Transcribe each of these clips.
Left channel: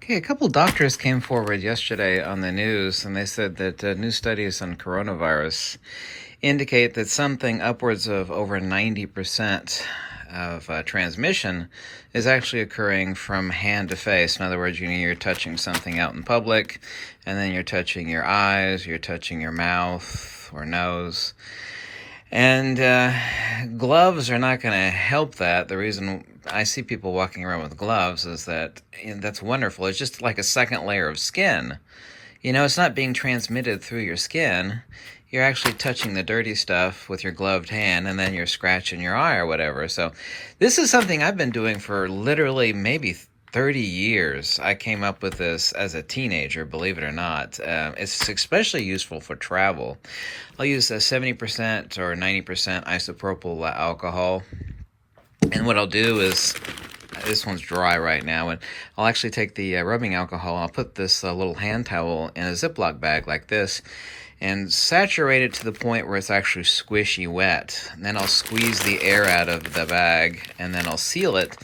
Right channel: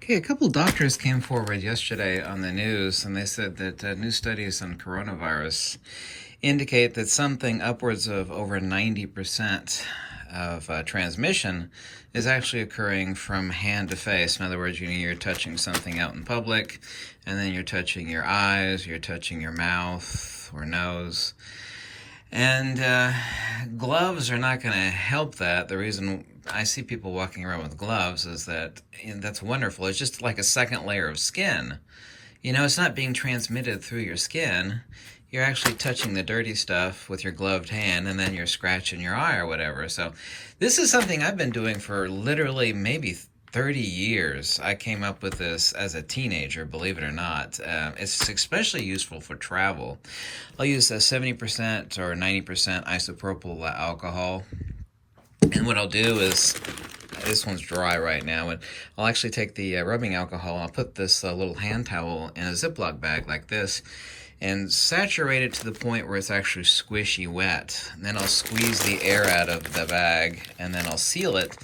Okay, a couple doctors came forward yesterday on the news, and they said that new studies on coronavirus indicate that something upwards of over 90% of transmission is actually occurring from hand to face. In other words, you're touching something out in public, and then you're touching your eyes, you're touching your mouth or nose. And gloves are not going to help that. The reason I see people walking around with gloves is that that's wonderful. It's just like a second layer of skin. It's not being transmitted through your skin. You're actually touching the dirty stuff with your gloved hand, and then you're scratching your eye or whatever. So this is something I've been doing for literally maybe 30 years. I came up with this as a teenager, believe it or not. It's especially useful for travel. I'll use 70% or 90% isopropyl alcohol. And what I'll do is, this one's dry right now, and I'll actually take the rubbing alcohol and I'll put this little hand towel in a Ziploc bag like this and saturate it to the point where it's actually squishy wet. And then I'll squeeze the air out of the bag, and then I'll seal it,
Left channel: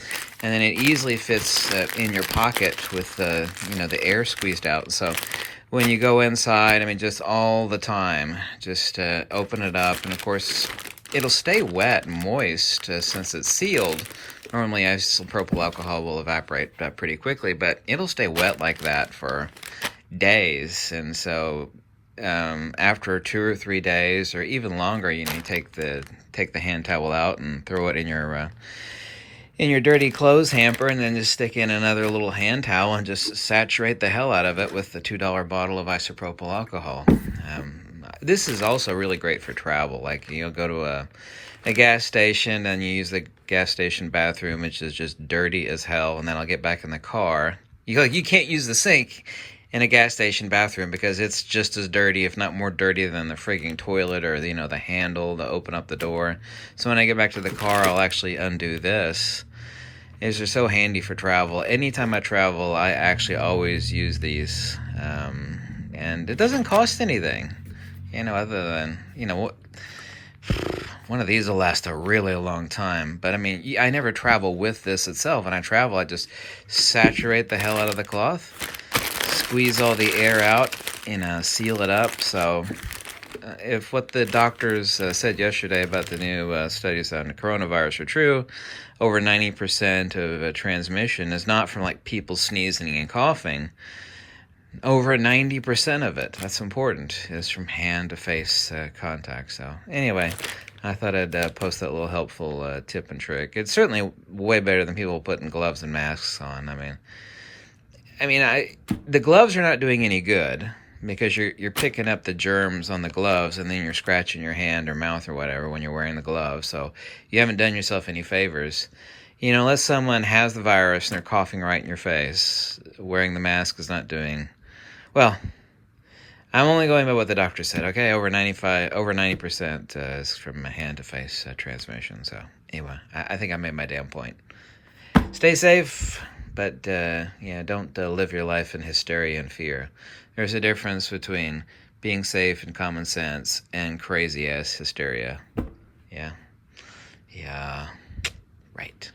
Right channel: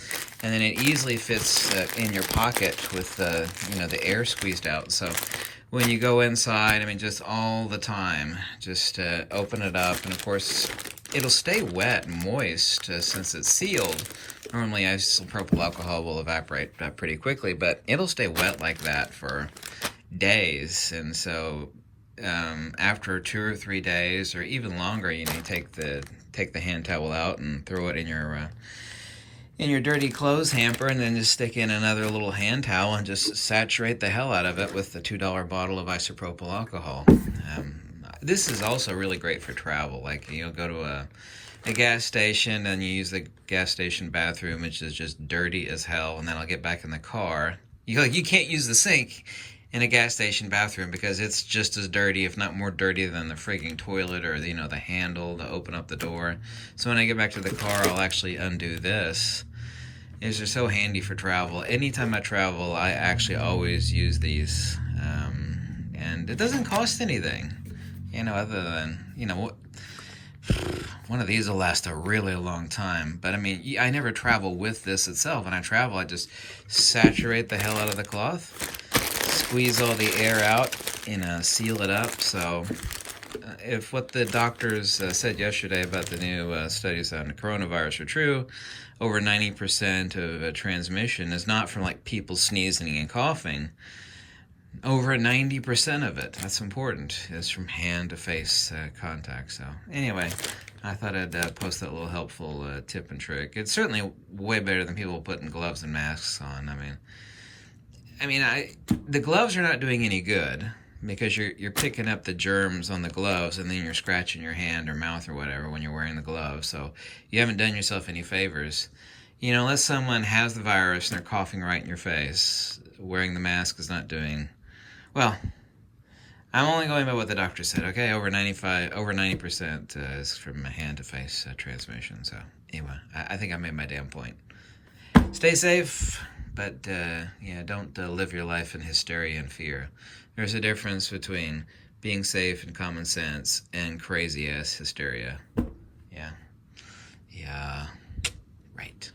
and then it easily fits in your pocket with the air squeezed out. So when you go inside, just all the time, just open it up, and of course it'll stay wet and moist since it's sealed. Normally isopropyl alcohol will evaporate pretty quickly, but it'll stay wet like that for days. And so after 2 or 3 days or even longer, you take the hand towel out and throw it in your dirty clothes hamper, and then just stick in another little hand towel and just saturate the hell out of it with the $2 bottle of isopropyl alcohol. This is also really great for travel. Like, go to a gas station and you use the gas station bathroom, which is just dirty as hell, and then I'll get back in the car. You can't use the sink in a gas station bathroom because it's just as dirty, if not more dirty, than the frigging toilet or the handle to open up the door. So when I get back to the car, I'll actually undo this. These are so handy for travel. Anytime I travel, I actually always use these, and it doesn't cost anything. Other than one of these will last a really long time. But I never travel with this itself. When I travel, I just saturate the hell out of the cloth, squeeze all the air out, seal it up. So if what the doctors said yesterday about the new studies on coronavirus are true, over 90% of transmission is not from people sneezing and coughing. Over 90% of it, that's important, is from hand to face contact. So anyway, I thought I'd post that little helpful tip and trick. It's certainly way better than people putting gloves and masks on. The gloves are not doing any good because you're picking up the germs on the gloves, and then you're scratching your hand or mouth or whatever when you're wearing the gloves. So you haven't done yourself any favors. Unless someone has the virus and they're coughing right in your face, wearing the mask is not doing well. I'm only going by what the doctor said. Okay, over 90% is from hand to face transmission. So anyway, I think I made my damn point. Stay safe. But, don't live your life in hysteria and fear. There's a difference between being safe and common sense and crazy-ass hysteria. Yeah. Yeah. Right.